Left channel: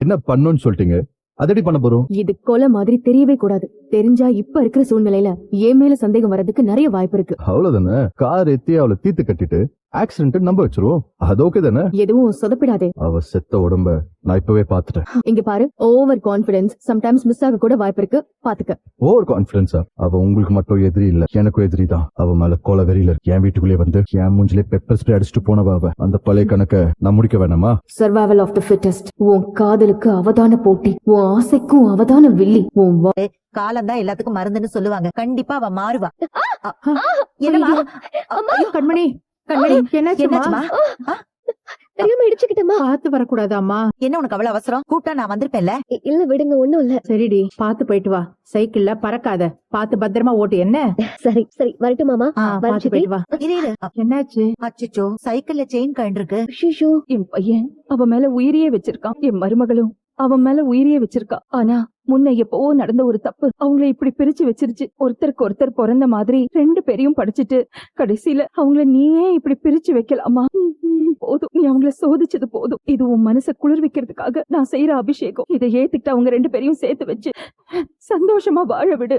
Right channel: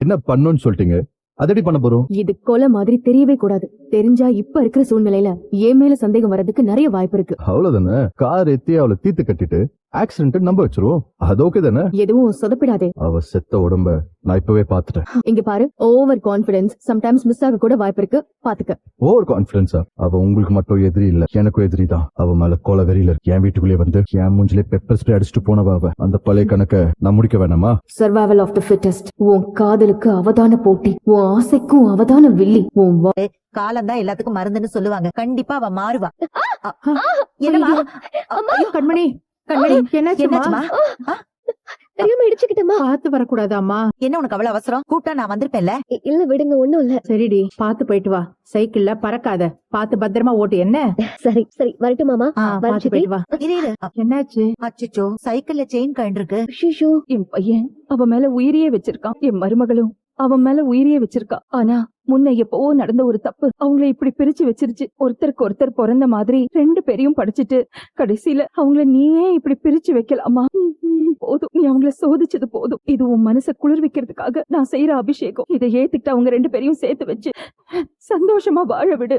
என்ன பண்ணுன்னு சொல்லிட்டீங்க, அதடி பண்ண போறோம். இது கொலை மாதிரி தெரியவே கூடாது. தெரிஞ்சா இப்ப இருக்கிற சூழ்நிலையில என் மேல சந்தேகம் வர்றதுக்கு நிறைய வாய்ப்பு இருக்கு. அவ்வளவுதானே, கார் ஏத்தி அவளை தீத்து கட்டிட்டு ஆக்சிடென்ட் நம்ப வச்சிருவோம். அது ஓகே தானே? எதுவும் சொதப்பிடாதே. அவ செத்த உடம்ப நான் இப்பவே பாத்துட்டேன். இங்க பாரு, ஓவர் கான்பிடன்ஸ் சம்டைம்ஸ் மிஸ் ஆக கூட வாய்ப்பு இருக்கு, பாத்துக்க. ஓவர் கான்பிடன்ஸா? அவ உங்களுக்கு மட்டும் எதிரி இல்ல, எனக்கும் எதிரி தான். அவ மேல கொலை வெறியில என் வீட்டுக்குள்ளே வந்து என் மூஞ்சிலே பெப்பர் ஸ்ப்ரே அடிச்சுட்டு போனவ அவ. அந்த பழைய கணக்க நான் முடிக்க வேணாமா? Survival of the fittest. உன் காதலுக்கு அவதான போட்டி, உன் ஆசைக்கும் அவதான வில்லி. உன் காலம் தான் எல்லாத்துக்கும் மருந்துன்னு சொல்லுவாங்க. கண்டிப்பா அவ மாறுவா. கண்மணி, என்னாச்சுமா? தெரியாம இடிச்சுக்கிட்டமா. பார்த்து வரக்கூடாதாமா? என்ன உனக்கு அவ்வளவு அவசரம்? கூப்பிட்டா நான் வந்திருப்பேன்ல. இல்ல விடுங்க, ஒண்ணும் இல்ல. சரிடி, பாத்து போயிட்டு வா. சைக்கிள்ல பறக்காத, பாத்து பத்திரமா ஓட்டு. என்ன? சரி சரி, வரட்டும் மாமா. பாத்து போயிட்டு வா. இரு. என்னாச்சு? அச்சச்சோ, சைக்கிள்ல செயின் கழண்டிருக்கு. ஐயோ, என் பையன் அவன் மேல உயிரியே வச்சிருக்கான். என் மருமகளும் அவன் மேல உயிரியே வச்சிருக்கா. ஆனா முன்ன எப்பவோ நடந்த ஒரு தப்பு அவங்கள இப்படி பிரிச்சு வச்சிருச்சு. ஒருத்தருக்கு ஒருத்தர் பிறந்த மாதிரி 2 பேரையும் படிச்சுட்டு கடைசியில அவங்கள நீயே இப்படி பிரிச்சு வைக்கலாமா? போதும், நீ அவங்கள சோதிச்சது போதும். இது உன் மனசை குளிர்விக்கிறதுக்காக நான் செய்யற அபிஷேகம். இதை ஏத்துக்கிட்டு அவங்க 2 பேரையும் சேர்த்து வச்சு சந்தோஷமா வாழ விடு.